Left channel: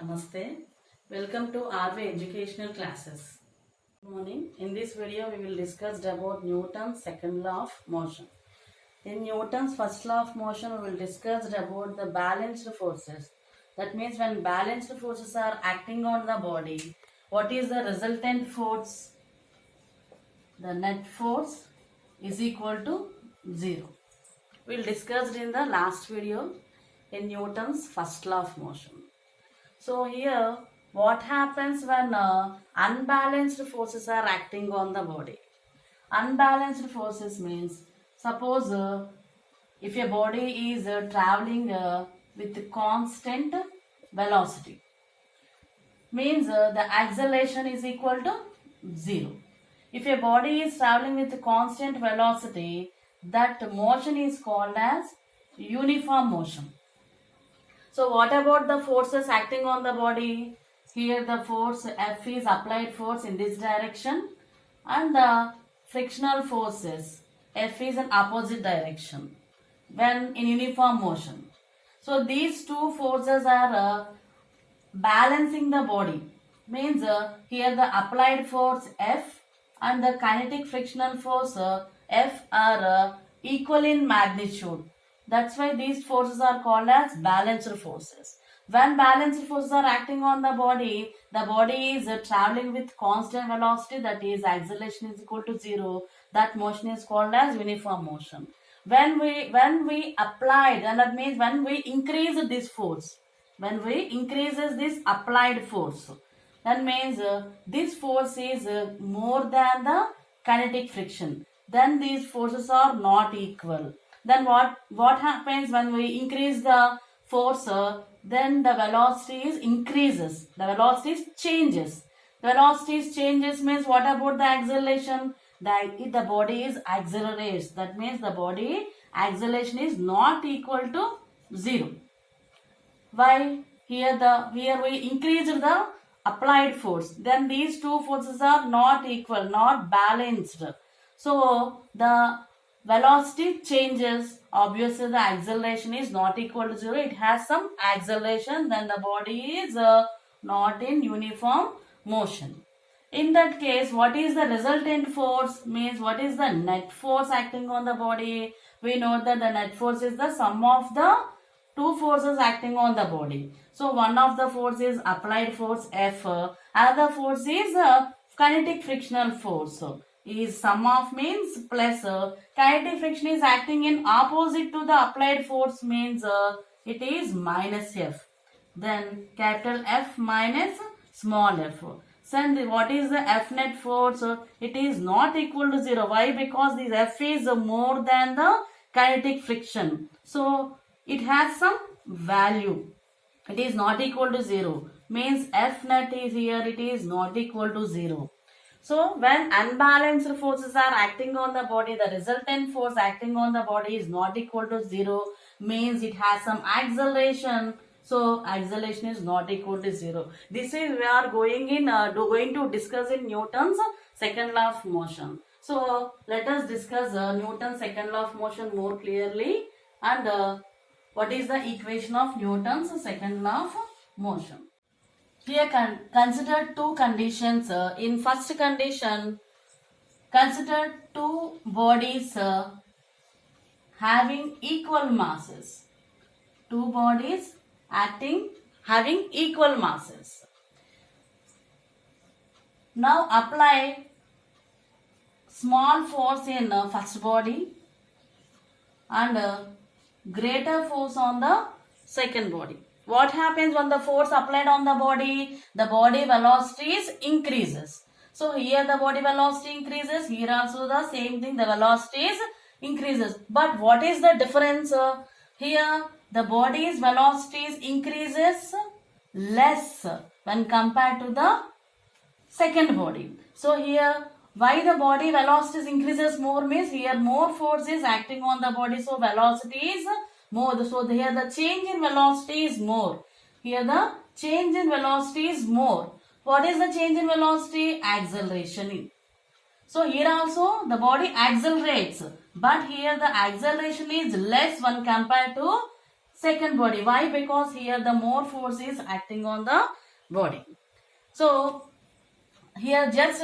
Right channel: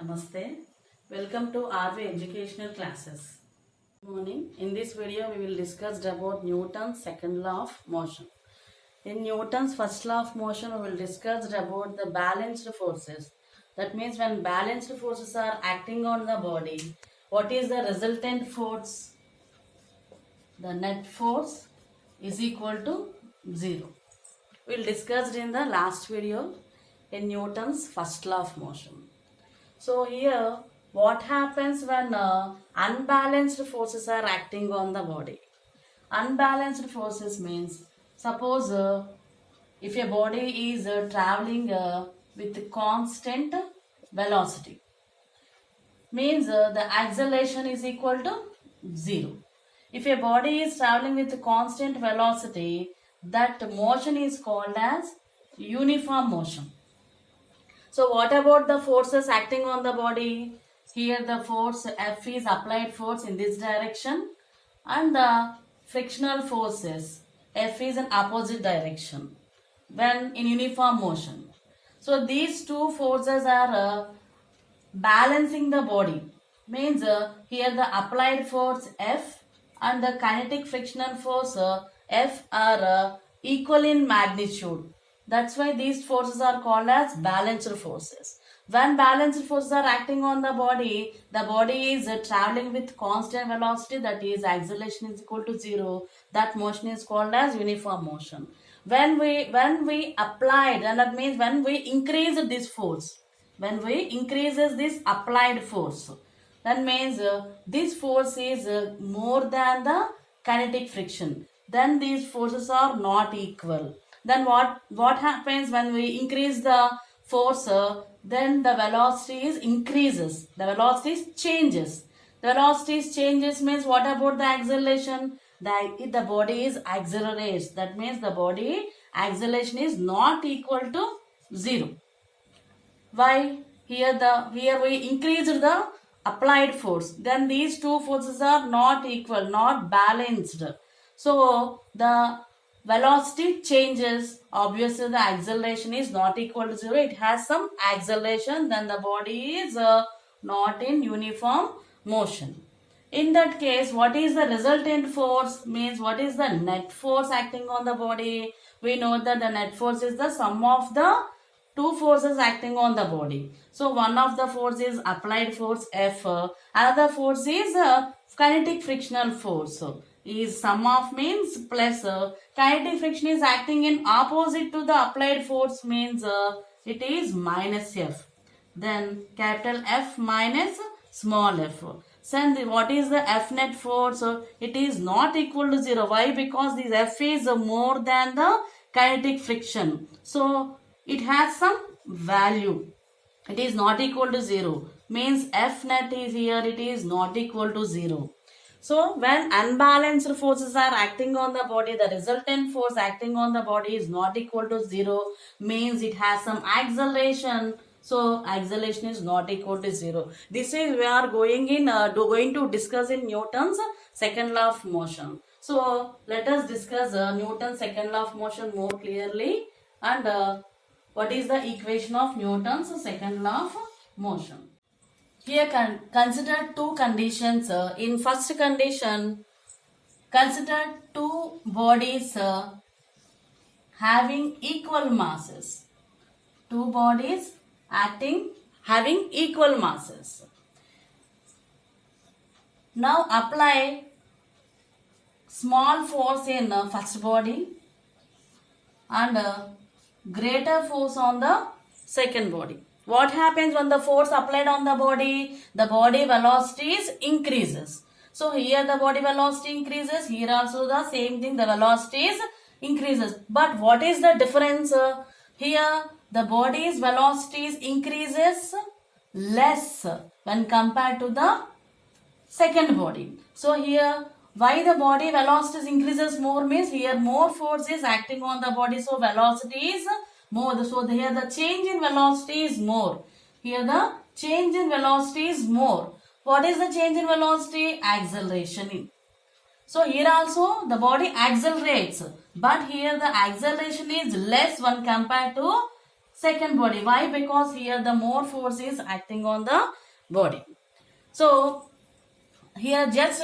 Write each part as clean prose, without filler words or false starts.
Namaste. Welcome to RV Educational Classes. Good morning. In this video, we will discuss about Newton's second law of motion. In Newton's first law of motion, we will discuss about the balanced forces. That means when balanced forces are acting on the body, what is the resultant force? The net force is equal to 0. We will discuss in the last video in Newton's first law of motion. So here, what happens when unbalanced forces are acting on the body? Unbalanced forces means, suppose if a body is traveling with constant velocity, means the acceleration is equal to 0. If a body is traveling with constant velocity, that motion is called as uniform motion. So what about the forces acting on the body? Here the force F is applied force in this direction, and the frictional forces F is in opposite direction when in uniform motion. So these two forces are balancing the body. Means here the applied force F and the kinetic frictional force F are equal in magnitude. That's why these forces are called as balanced forces. When balanced forces are acting on the body is traveling with constant velocity, that is acceleration is equal to 0. That motion is called as uniform motion. When we applied, and that means when we increase this force, when we increases this applied force, that means this force is more than the kinetic friction. Then these forces are not equal. Then what happens when we increase the force? Then the velocity increases. The velocity changes. The velocity changes means what about the acceleration? The body is accelerates. That means the body acceleration is not equal to 0. Why? Here we increased the applied force. Then these two forces are not equal, not balanced. So the velocity changes. Obviously the acceleration is not equal to 0. It has some acceleration. Then the body is not in uniform motion. In that case, what is the resultant force? Means what is the net force acting on the body? We know that the net force is the sum of the two forces acting on the body. So one of the force is applied force F. Another force is kinetic frictional force. Is sum of means plus kinetic friction is acting in opposite to the applied force, means it is minus F. Then capital F minus small f. So what is the F net force? It is not equal to 0. Why? Because this F is more than the kinetic friction. So it has some value. It is not equal to 0. Means F net is here, it is not equal to 0. So when unbalanced forces are acting on the body, the resultant force acting on the body is not equal to 0. Means it has some acceleration. So acceleration is not equal to 0. This is we are going to discuss in Newton's second law of motion. So let us discuss Newton's second law of motion more clearly, and what is the equation of Newton's second law of motion. Here consider two conditions. In first condition, consider two bodies having equal masses. Two bodies having equal masses. Now apply small force in first body and greater force on the second body. What happens when the force applied on the body? The body velocity increases. So here the body velocity increases. Here also the same thing, the velocity increases. But what is the difference? Here the body's velocity increases less when compared to the second body. So here why the body velocity increases more means here more force is acting on the body. So velocity is more. So here the change in velocity is more. Here the change in velocity is more. What is the change in velocity? Acceleration. So here also the body accelerates, but here the acceleration is less when compared to second body. Why? Because here the more force is acting on the body. So here just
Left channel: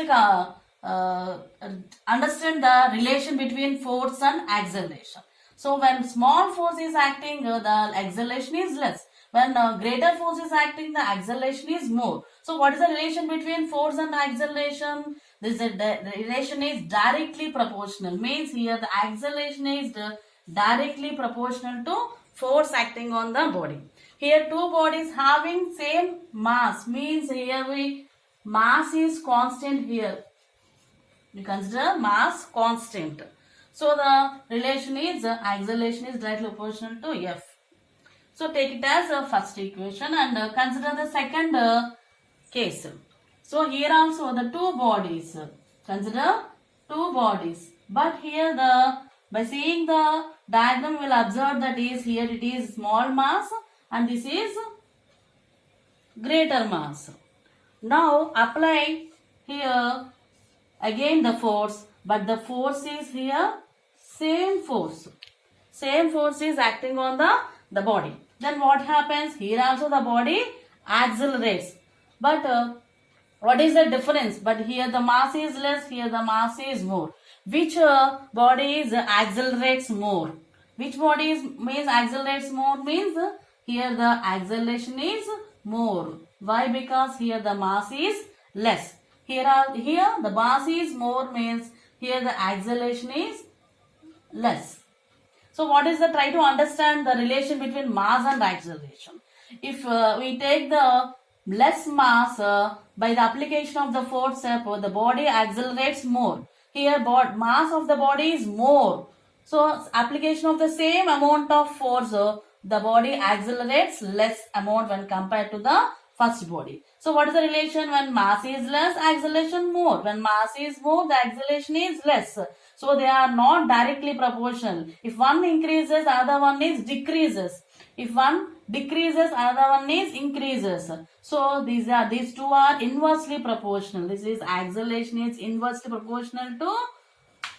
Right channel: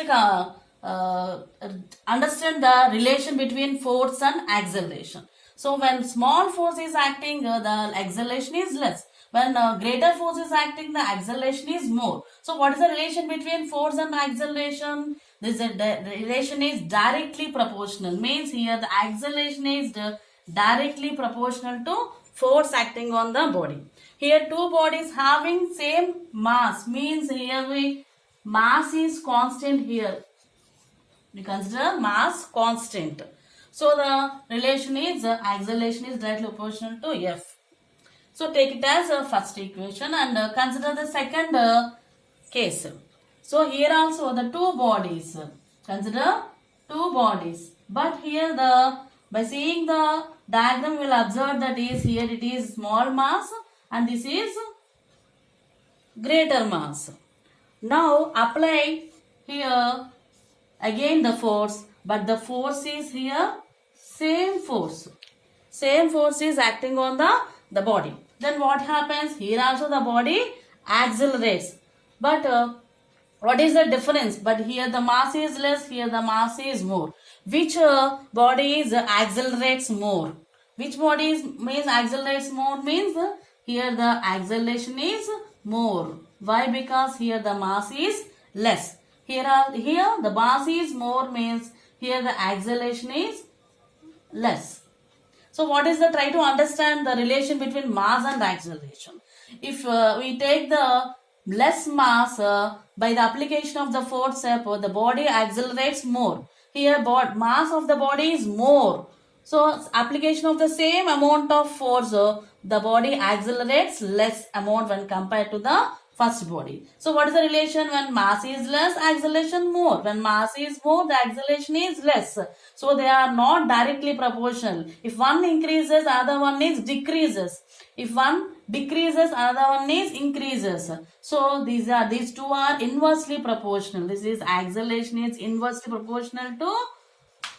understand the relation between force and acceleration. So when small force is acting, the acceleration is less. When greater force is acting, the acceleration is more. So what is the relation between force and acceleration? This relation is directly proportional. Means here the acceleration is directly proportional to force acting on the body. Here two bodies having same mass. Means here mass is constant here. We consider mass constant. So the relation is acceleration is directly proportional to F. So take it as a first equation and consider the second case. So here also the two bodies. Consider two bodies. But here by seeing the diagram we will observe that is here it is small mass and this is greater mass. Now apply here again the force, but the force is here same force. Same force is acting on the body. Then what happens? Here also the body accelerates. But what is the difference? But here the mass is less, here the mass is more. Which body accelerates more? Which body means accelerates more? Means here the acceleration is more. Why? Because here the mass is less. Here the mass is more means here the acceleration is less. So what is the try to understand the relation between mass and acceleration? If we take the less mass by the application of the force step, the body accelerates more. Here mass of the body is more. So application of the same amount of force, the body accelerates less amount when compared to the first body. So what is the relation? When mass is less, acceleration more. When mass is more, the acceleration is less. So they are not directly proportional. If one increases, other one is decreases. If one decreases, another one is increases. So these two are inversely proportional. This is acceleration is inversely proportional to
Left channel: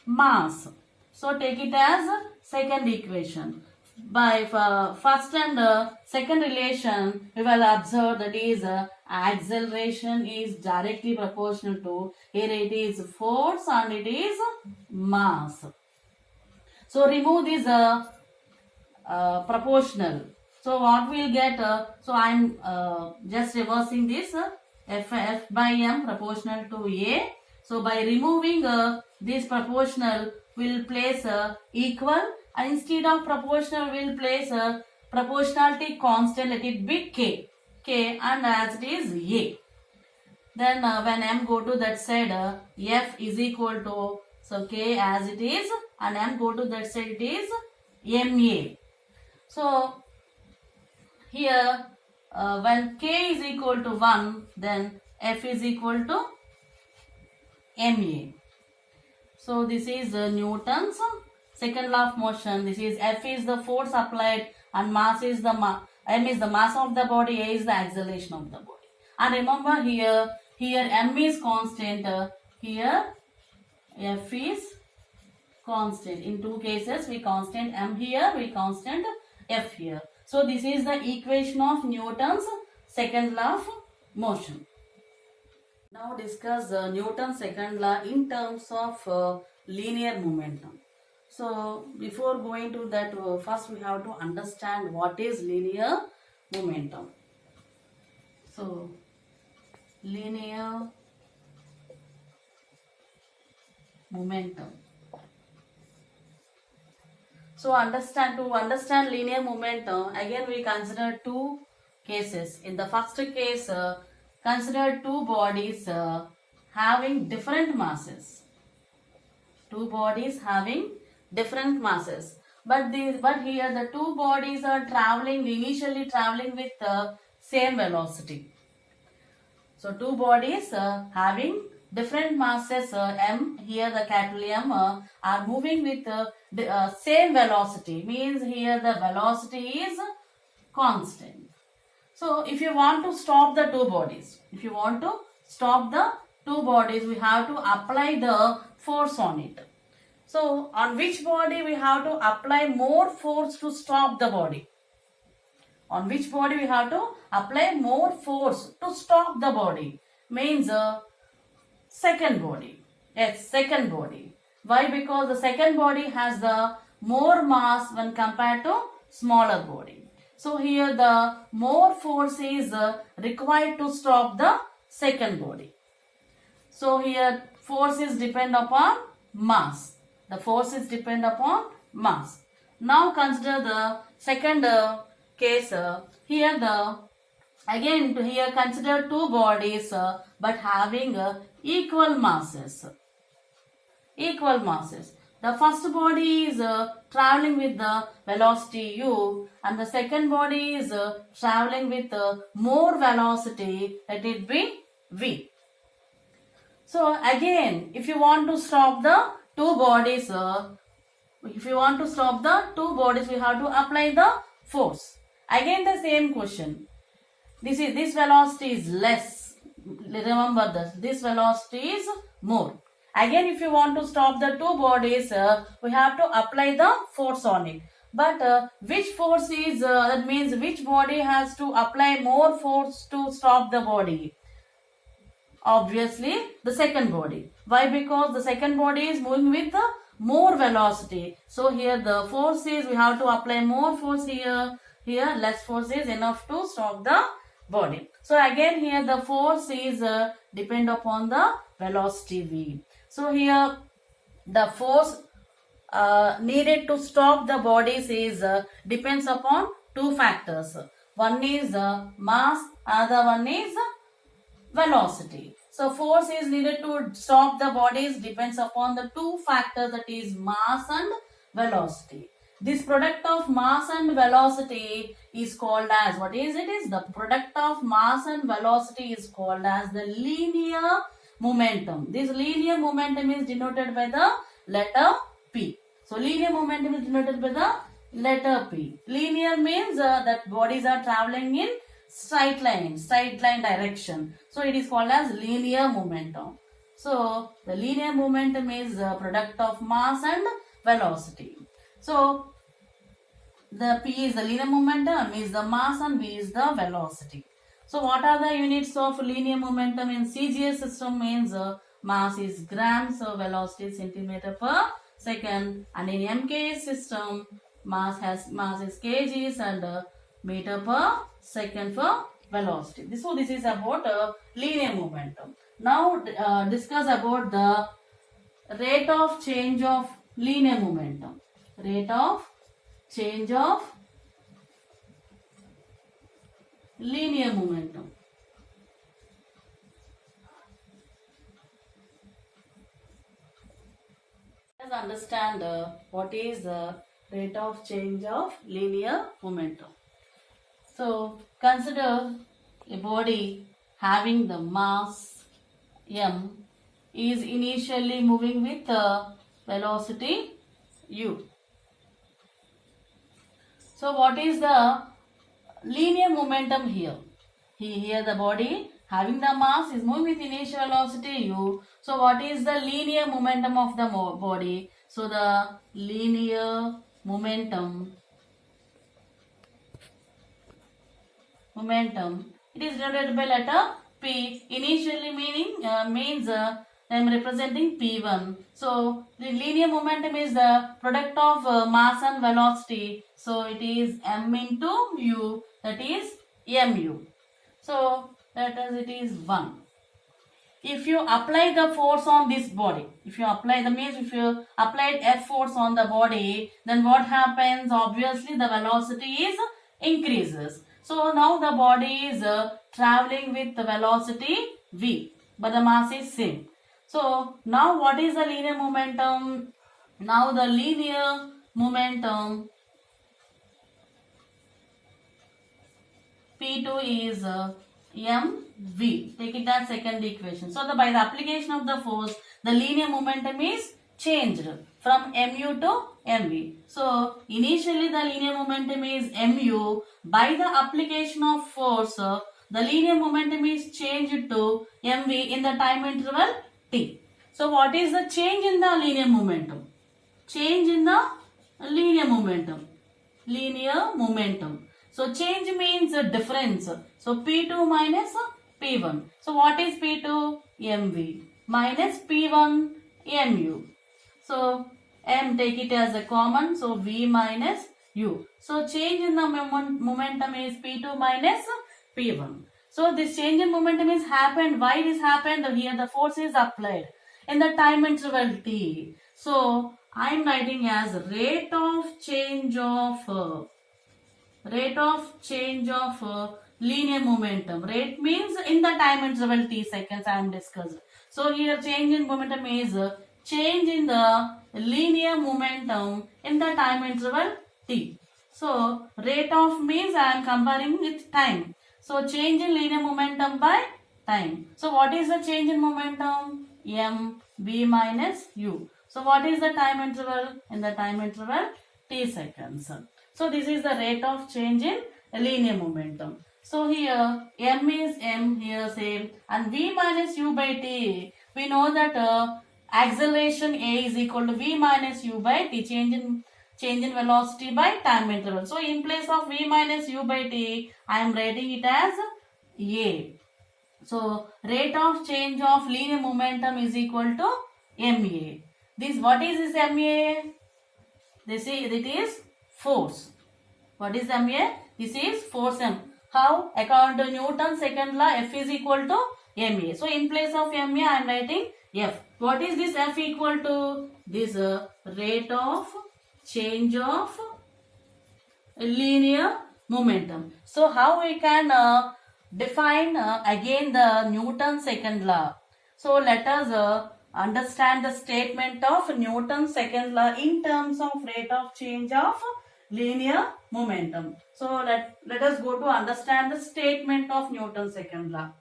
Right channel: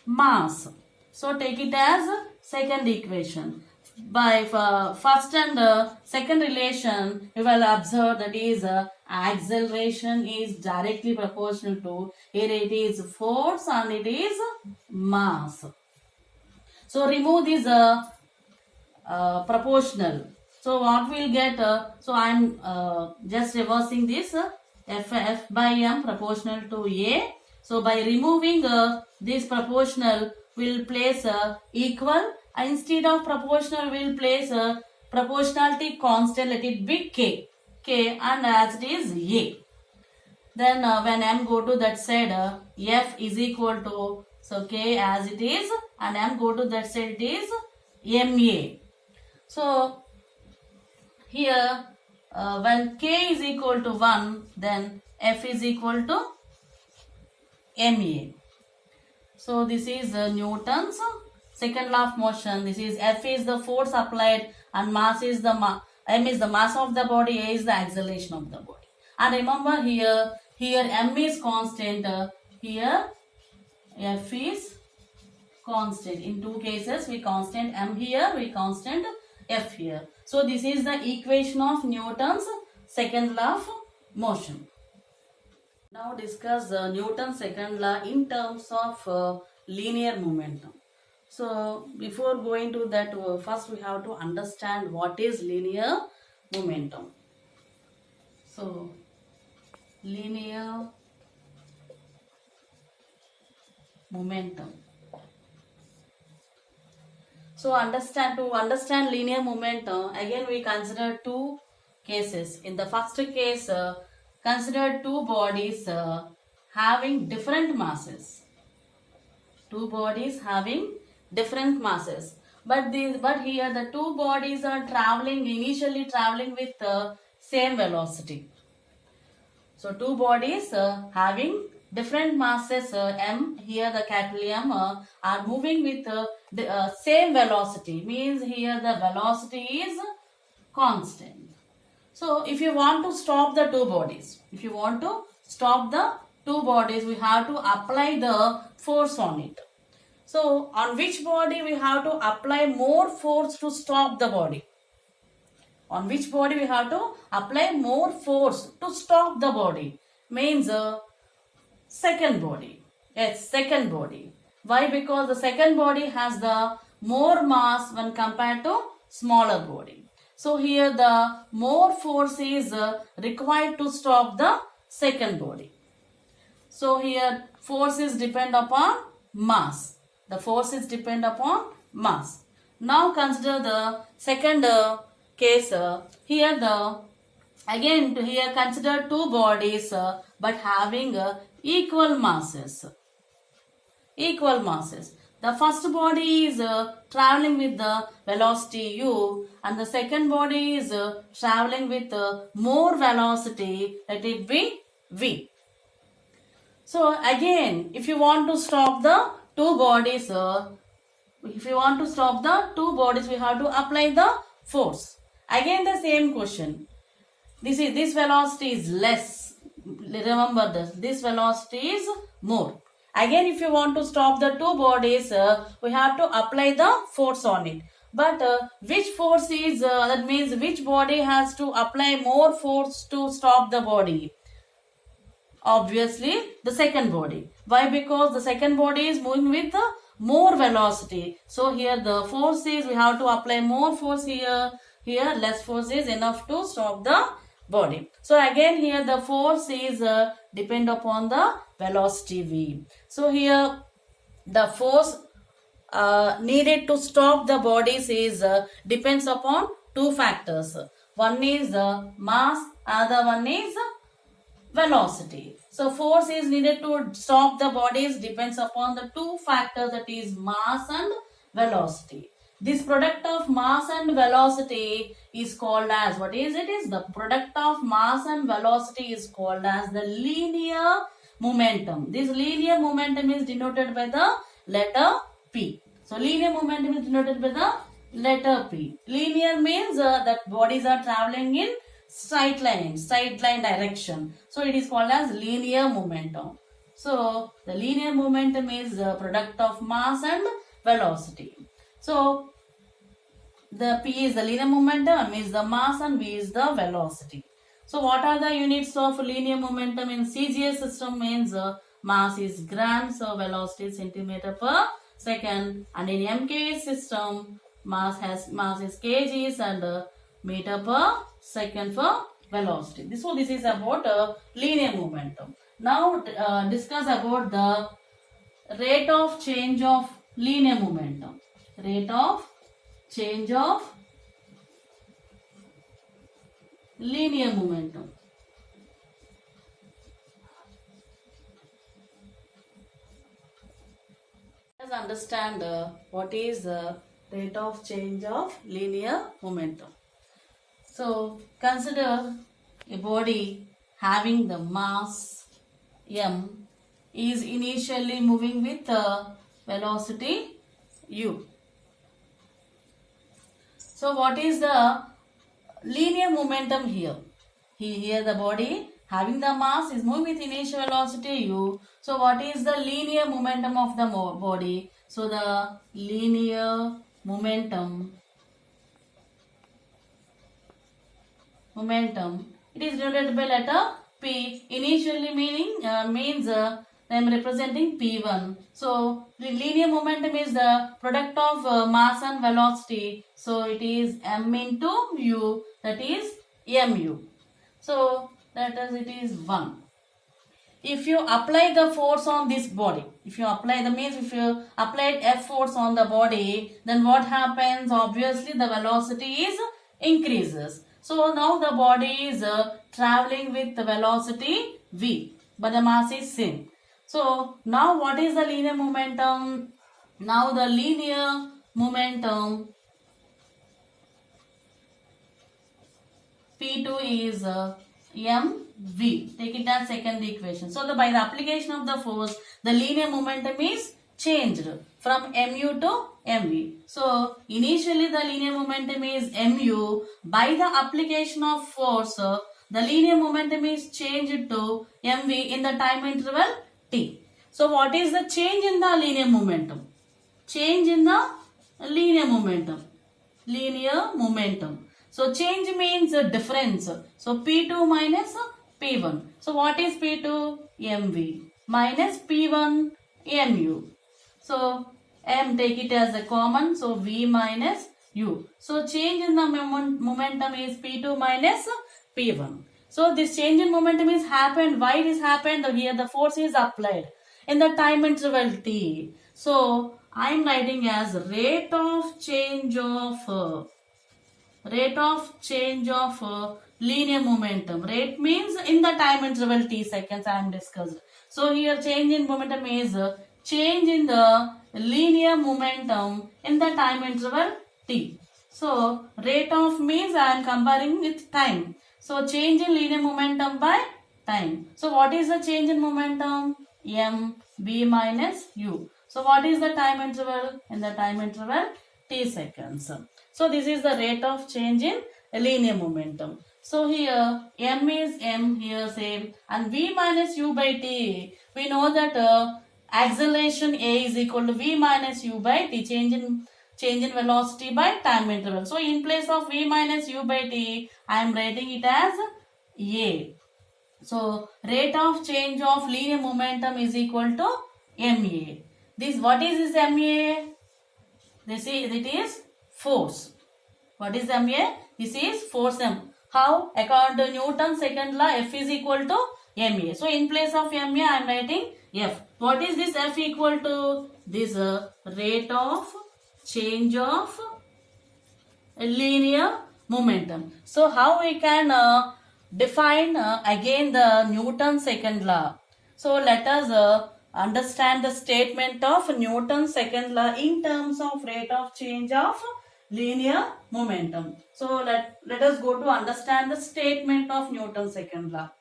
mass. So take it as second equation. By first and second relation, we will observe that is acceleration is directly proportional to, here it is force and it is mass. So remove this proportional. So what we will get, so I am just reversing this, F by M proportional to A. So by removing this proportional, we will place equal. Instead of proportional, we will place a proportionality constant, let it be K. K and as it is A. Then when M go to that side, F is equal to, so K as it is and M go to that side, it is MA. So here when K is equal to 1, then F is equal to MA. So this is Newton's second law of motion. This is F is the force applied and mass is the M is the mass of the body, A is the acceleration of the body. And remember here M is constant, here F is constant. In two cases we constant M here, we constant F here. So this is the equation of Newton's second law of motion. Now discuss Newton's second law in terms of linear momentum. So before going to that, first we have to understand what is linear momentum. So linear momentum. So to understand linear momentum, again we consider two cases. In the first case, consider two bodies having different masses. Two bodies having different masses. But here the two bodies are initially traveling with same velocity. So two bodies having different masses, M, here the capital M, are moving with the same velocity. Means here the velocity is constant. So if you want to stop the two bodies, we have to apply the force on it. So on which body we have to apply more force to stop the body? On which body we have to apply more force to stop the body? Means second body. Yes, second body. Why? Because the second body has the more mass when compared to smaller body. So here the more force is required to stop the second body. So here force is depend upon mass. The force is depend upon mass. Now consider the second case. Here consider two bodies but having equal masses. Equal masses. The first body is traveling with the velocity u and the second body is traveling with more velocity, let it be v. So again, if you want to stop the two bodies, we have to apply the force. Again the same question. This velocity is less. Remember this velocity is more. Again, if you want to stop the two bodies, we have to apply the force on it. But which force is, that means which body has to apply more force to stop the body? Obviously, the second body. Why? Because the second body is moving with more velocity. So here the force is, we have to apply more force here. Here less force is enough to stop the body. So again here the force is depend upon the velocity v. So here the force needed to stop the bodies is depends upon two factors. One is mass, other one is velocity. So force is needed to stop the bodies depends upon the two factors, that is mass and velocity. This product of mass and velocity is called as, what is it? Is the product of mass and velocity is called as the linear momentum. This linear momentum is denoted by the letter P. So linear momentum is denoted by the letter P. Linear means that bodies are traveling in straight line direction. So it is called as linear momentum. So the linear momentum is the product of mass and velocity. So the P is the linear momentum, M is the mass and V is the velocity. So what are the units of linear momentum in CGS system? Means mass is grams, so velocity is centimeter per second, and in MKS system mass is kgs and meter per second for velocity. So this is about linear momentum. Now discuss about the rate of change of linear momentum. Rate of change of linear momentum. Let's understand what is the rate of change of linear momentum. So consider a body having the mass m is initially moving with velocity u. So what is the linear momentum here? Here the body having the mass is moving with initial velocity u. So what is the linear momentum of the body? So the linear momentum, it is denoted by letter P. Initially means I am representing P1. So the linear momentum is the product of mass and velocity. So it is m into u, that is mu. So that is, it is 1. If you apply the force on this body, if you applied F force on the body, then what happens? Obviously the velocity is increases. So now the body is traveling with the velocity v, but the mass is same. So now what is the linear momentum? Now the linear momentum P2 is mv. Take it as second equation. So by the application of the force, the linear momentum is changed from mu to mv. So initially the linear momentum is mu. By the application of force, the linear momentum is changed to mv in the time interval t. So what is the change in the linear momentum? Change in the linear momentum. So change means difference. So P2 minus P1. So what is P2? mv minus P1 mu. So m take it as a common. So v minus u. So change in the momentum is P2 minus P1. So this change in momentum is happened. Why it is happened? Here the force is applied in the time interval t. So I am writing as rate of change of linear momentum. Rate means in the time interval t seconds I am discussed. So here change in momentum is change in the linear momentum in the time interval t. So rate of means I am comparing with time. So change in linear momentum by time. So what is the change in momentum? M b minus u. So what is the time interval? In the time interval t seconds. So this is the rate of change in linear momentum. So here m is m, here same, and v minus u by t. We know that acceleration a is equal to v minus u by t, change in velocity by time interval. So in place of v minus u by t, I am writing it as a. So rate of change of linear momentum is equal to ma. This, what is this ma? It is force. What is ma? This is force m. How? According to Newton's second law, F is equal to ma. So in place of ma, I am writing F. What is this F equal to? This rate of change of linear momentum. So how we can define again the Newton's second law? So let us understand the statement of Newton's second law in terms of rate of change of linear momentum. So let us go to understand the statement of Newton's second law.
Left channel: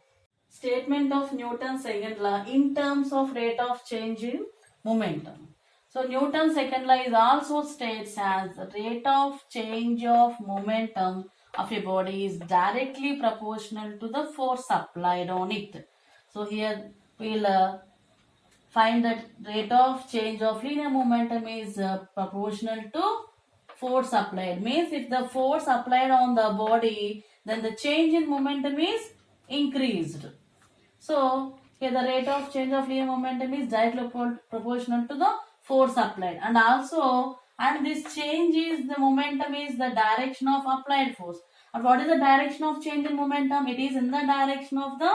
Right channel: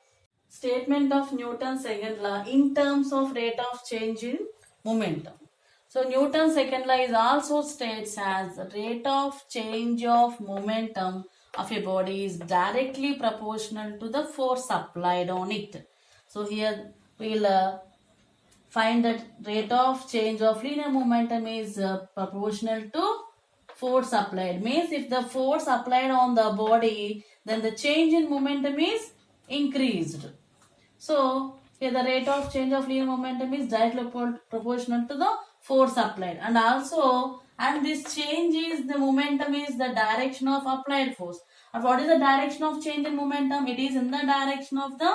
Statement of Newton's second law in terms of rate of change in momentum. So Newton's second law is also states as rate of change of momentum of a body is directly proportional to the force applied on it. So here we will find that rate of change of linear momentum is proportional to force applied. Means if the force applied on the body, then the change in momentum is increased. So here the rate of change of linear momentum is directly proportional to the force applied, and also, and this change is the momentum is the direction of applied force. And what is the direction of change in momentum? It is in the direction of the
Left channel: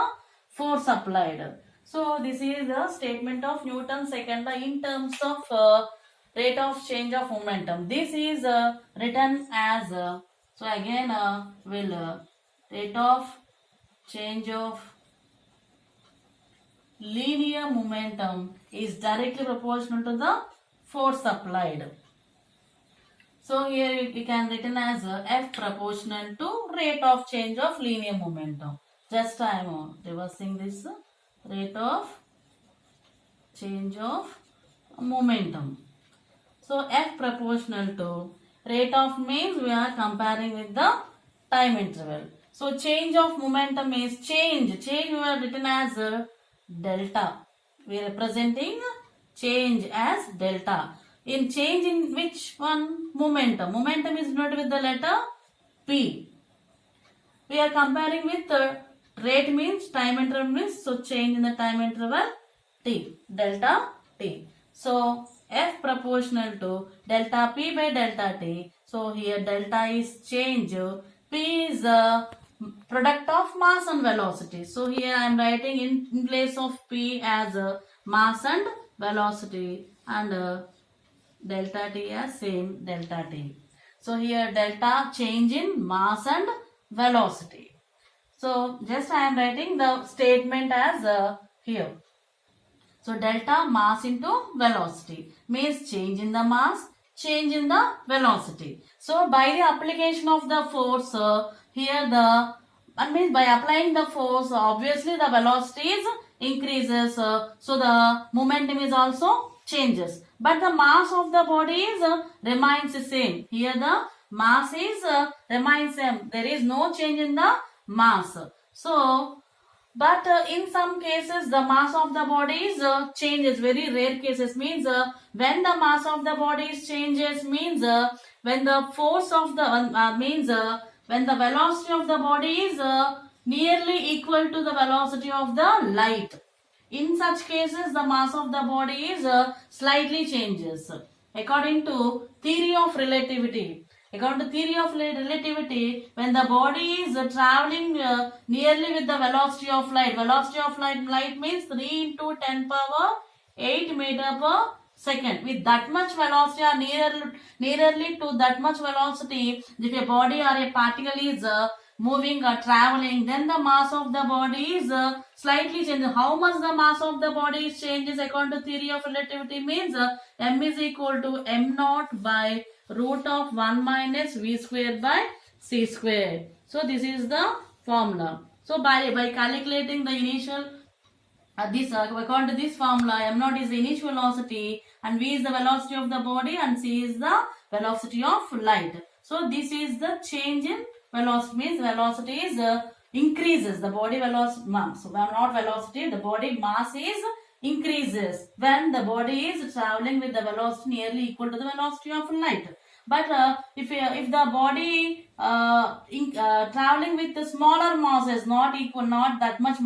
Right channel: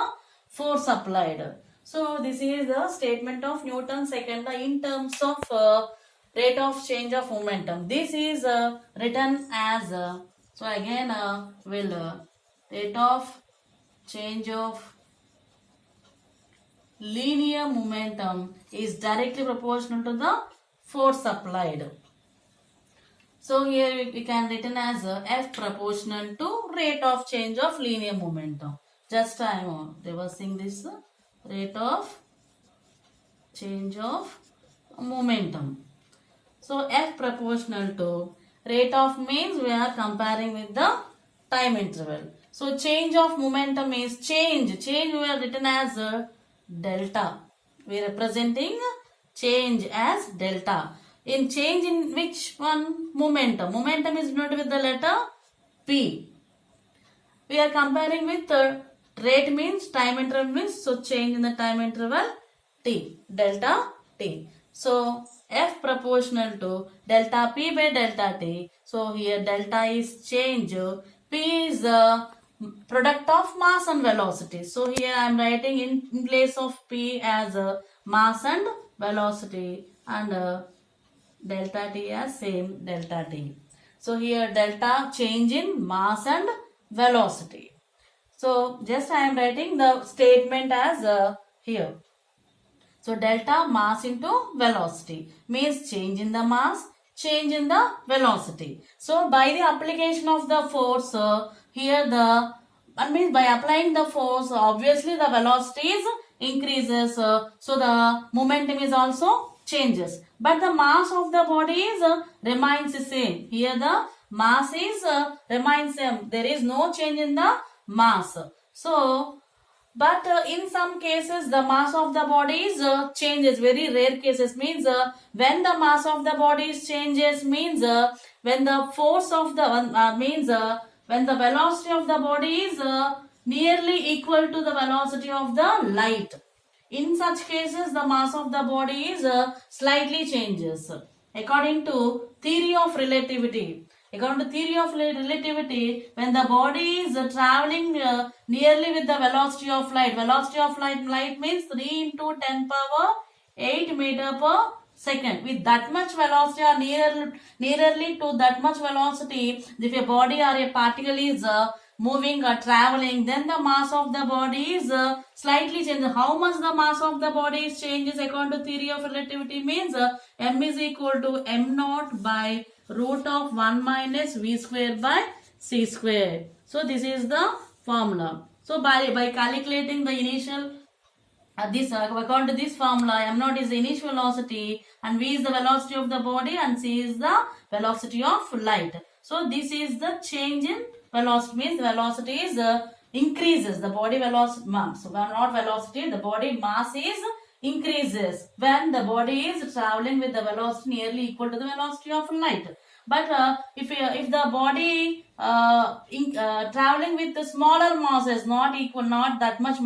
force applied. So this is the statement of Newton's second law in terms of rate of change of momentum. This is written as so again will rate of change of linear momentum is directly proportional to the force applied. So here we can written as F proportional to rate of change of linear momentum. Just I am reversing this rate of change of momentum. So F proportional to rate of means we are comparing with the time interval. So change of momentum is change. Change we are written as delta. We are representing change as delta. In change in which one? Momentum. Momentum is denoted with the letter P. We are comparing with rate means time interval means, so change in the time interval T. Delta T. So F proportional to delta P by delta T. So here delta is change. P is the product of mass and velocity. So here I am writing in place of P as mass and velocity, and delta T as same delta T. So here delta change in mass and velocity. So just I am writing the statement as here. So delta mass into velocity means change in the mass, change in the velocity. So by the application of the force here by applying the force, obviously the velocity is increases, so the momentum is also changes, but the mass of the body is remains the same. Here the mass is remains same. There is no change in the mass. So but in some cases the mass of the body is changes. Very rare cases means when the mass of the body is changes means when the force of the when the velocity of the body is nearly equal to the velocity of the light. In such cases, the mass of the body is slightly changes. According to theory of relativity, when the body is traveling nearly with the velocity of light, light means 3 into 10 power 8 meter per second. With that much velocity or nearly to that much velocity, if a body or a particle is moving or traveling, then the mass of the body is slightly changed. How much the mass of the body is changes according to theory of relativity means m is equal to m naught by root of 1 minus v square by c square. So this is the formula. So by calculating the initial according to this formula, m naught is the initial velocity and v is the velocity of the body and c is the velocity of light. So this is the change in velocity, means velocity is increases, the body velocity, so not velocity, the body mass is increases when the body is traveling with the velocity nearly equal to the velocity of light. But if the body traveling with the smaller masses, not equal, not that much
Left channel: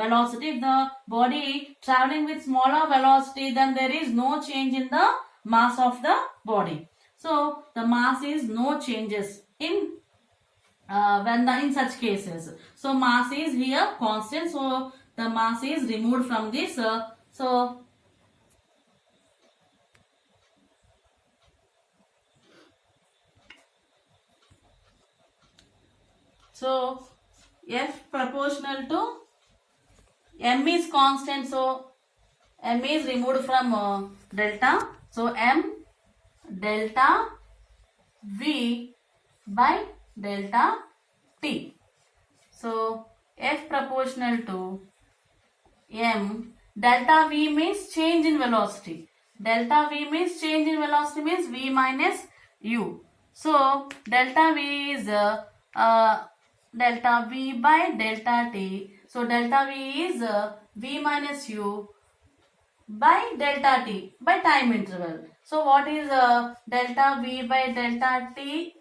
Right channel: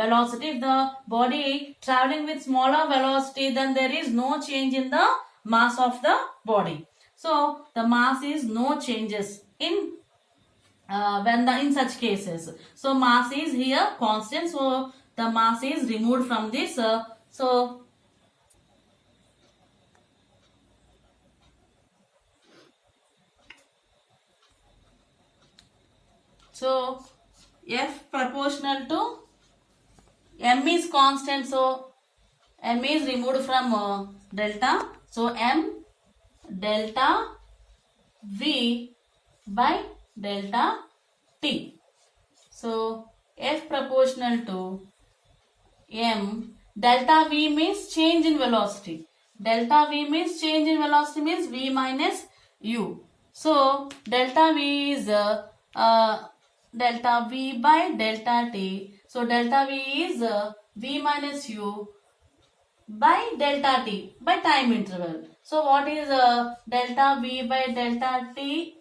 velocity, if the body traveling with smaller velocity, then there is no change in the mass of the body. So the mass is no changes in in such cases. So mass is here constant. So the mass is removed from this. So F proportional to m is constant. So m is removed from delta. So m delta v by delta t. So F proportional to m, delta v means change in velocity. Delta v means change in velocity means v minus u. So delta v is delta v by delta t. So delta v is v minus u by delta t by time interval. So what is delta v by delta t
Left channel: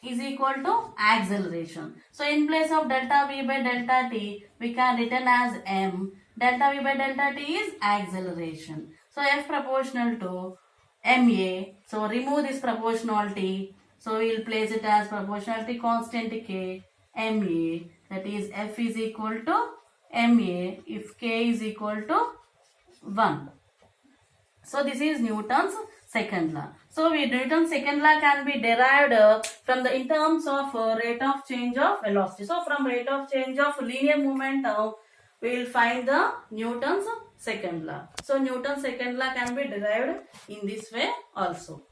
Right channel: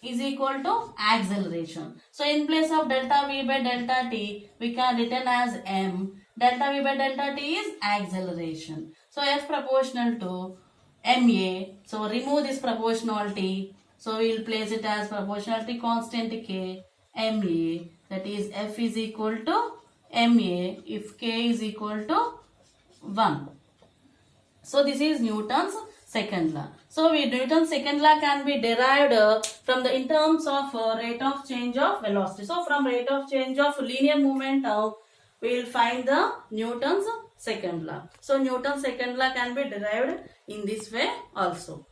is equal to acceleration. So in place of delta v by delta t, we can written as m. Delta v by delta t is acceleration. So F proportional to ma. So remove this proportionality. So we will place it as proportionality constant k ma. That is F is equal to ma if k is equal to 1. So this is Newton's second law. So Newton's second law can be derived from the in terms of rate of change of velocity. So from rate of change of linear movement, we will find the Newton's second law. So Newton's second law can be derived in this way also.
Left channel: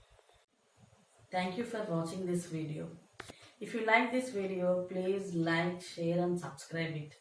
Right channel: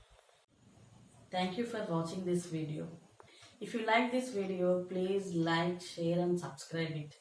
Thank you for watching this video. If you like this video, please like, share and subscribe it.